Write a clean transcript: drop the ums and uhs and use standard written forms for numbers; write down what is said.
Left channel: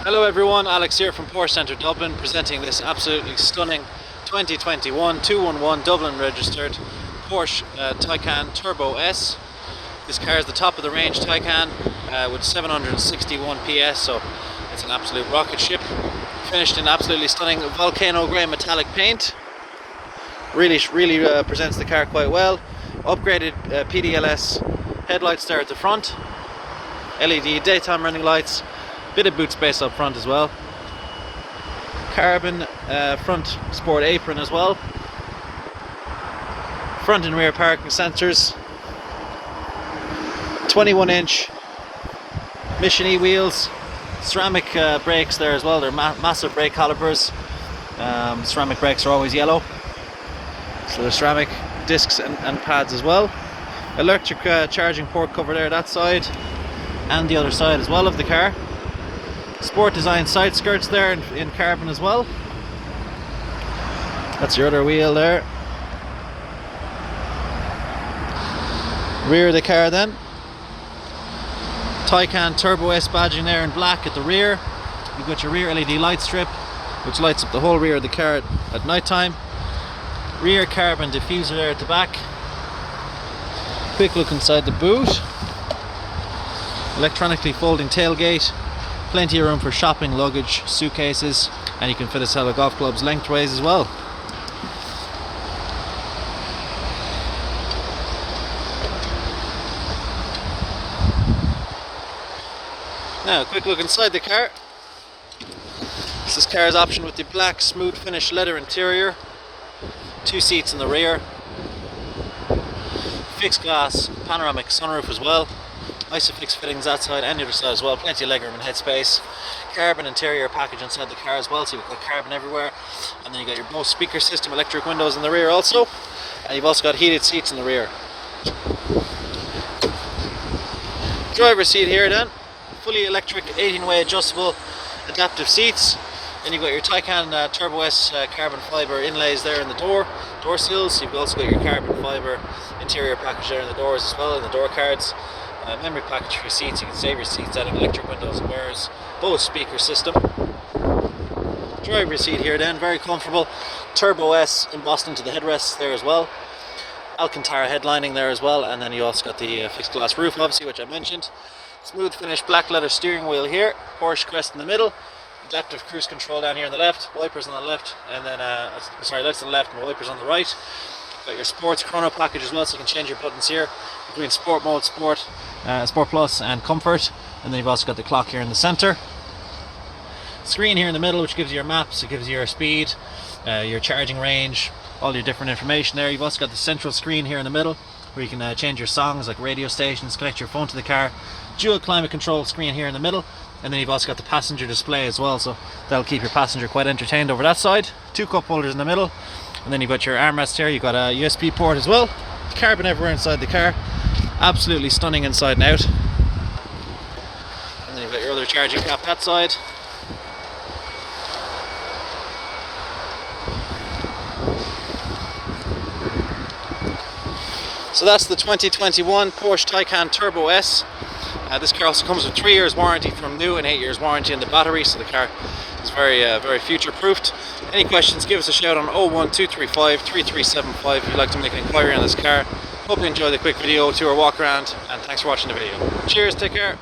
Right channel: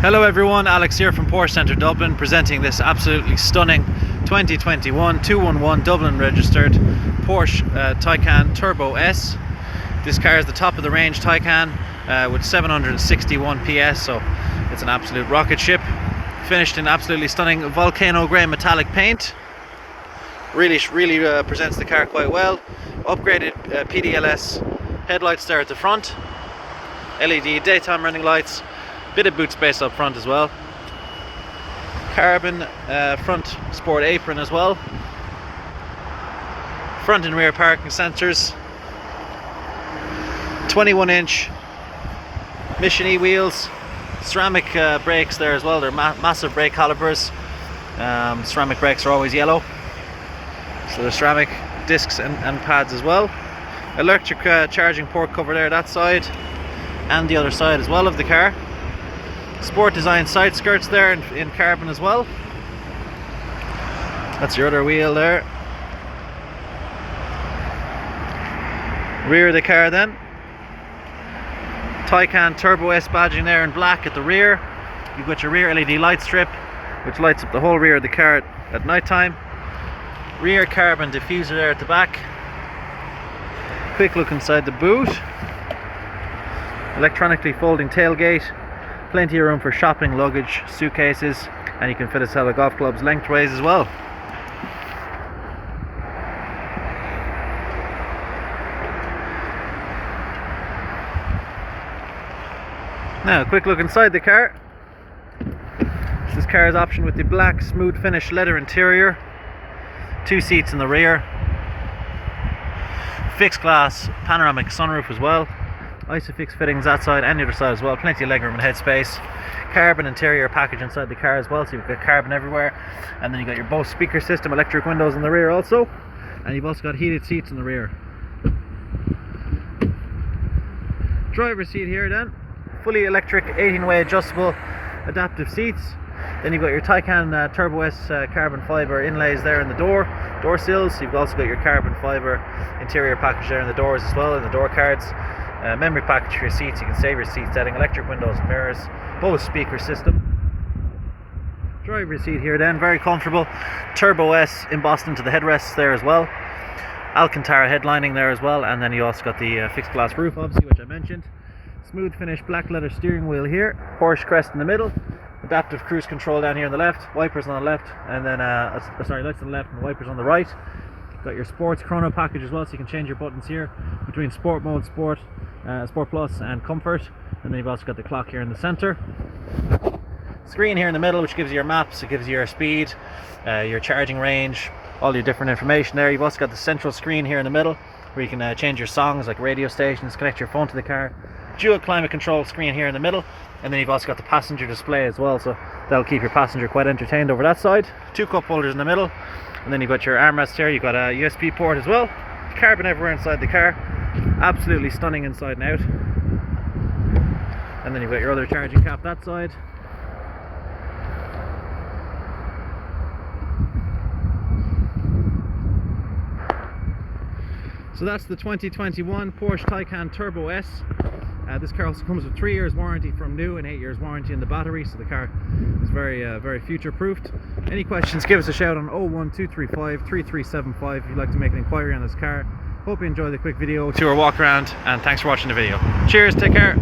Hello everyone, Alex here from Porsche Centre Dublin, presenting this absolutely stunning 2021 211 Dublin registered Porsche Taycan Turbo S. This car is the top of the range Taycan with 761 PS, so it's an absolute rocket ship. Finished in absolutely stunning volcano grey metallic paint. Really presents the car quite well. Upgraded PDLS headlights there at the front. LED daytime running lights. Bit of boot space up front as well. Carbon front sport apron as well. Front and rear parking sensors. 21-inch Mission E wheels. Ceramic brakes there as well. They're massive brake calipers. Ceramic brakes are always yellow, so they're ceramic discs and pads as well. Electric charging port cover there that side and the other side as well of the car. Sport design side skirts there in carbon as well. That's your other wheel there. Rear of the car then. Taycan Turbo S badging there in black at the rear. You've got your rear LED light strip which lights up the whole rear of the car at night time. Rear carbon diffuser there at the back. Quick look inside the boot. Electronically folding tailgate. Plenty of room for shopping, luggage, suitcases, and you can fit a set of golf clubs lengthways as well. Now, a quick look inside the car. This car's option with the black smooth finish leather interior. 2 seats in the rear. Fixed glass panoramic sunroof as well. Isofix fittings that side and the other side as well. Plenty of legroom and headspace. Carbon interior package inside the car as well, so you've got carbon everywhere. And then you've got your Bose speaker system, electric windows in the rear also. And you've also got heated seats in the rear. Driver's seat here then. Fully electric 18-way adjustable adaptive seats. Then you've got your Taycan Turbo S carbon fibre inlays there in the door sills. You've also got your carbon fibre interior package there in the doors as well, in the door cards. Memory package for your seats. You can save your seat setting, electric windows and mirrors, Bose speaker system. Driver's seat here then, very comfortable. Turbo S embossed into the headrests there as well. Alcantara headlining there as well, and then you also got the fixed glass roof obviously, which I mentioned. Smooth finish black leather steering wheel here, Porsche crest in the middle, adaptive cruise control down here on the left, wipers on the left, and then lights on the left and wipers on the right. Got your sports chrono package as well, so you can change your buttons here between sport mode, sport plus and comfort. And then you've also got the clock here in the center. Screen here in the middle which gives you your maps, it gives you your speed, your charging range, all your different information there. You've also got the central screen here in the middle where you can change your songs like radio stations, connect your phone to the car. Dual climate control screen here in the middle, and then you've also got the passenger display as well, so that'll keep your passenger quite entertained over that side. 2 cup holders in the middle, and then you've got your armrest here. You've got a USB port as well. Carbon everywhere inside the car, absolutely stunning inside and out. And then you've got your other charging cap that side. So that's the 2021 Porsche Taycan Turbo S. This car also comes with 3 years warranty from new and 8 years warranty in the battery, so the car is very future proofed. Any questions, give us a shout on 01235 3375 if you'd like to make an inquiry on this car. Hope you enjoyed the quick video tour walk around, and thanks for watching the video. Cheers, take care.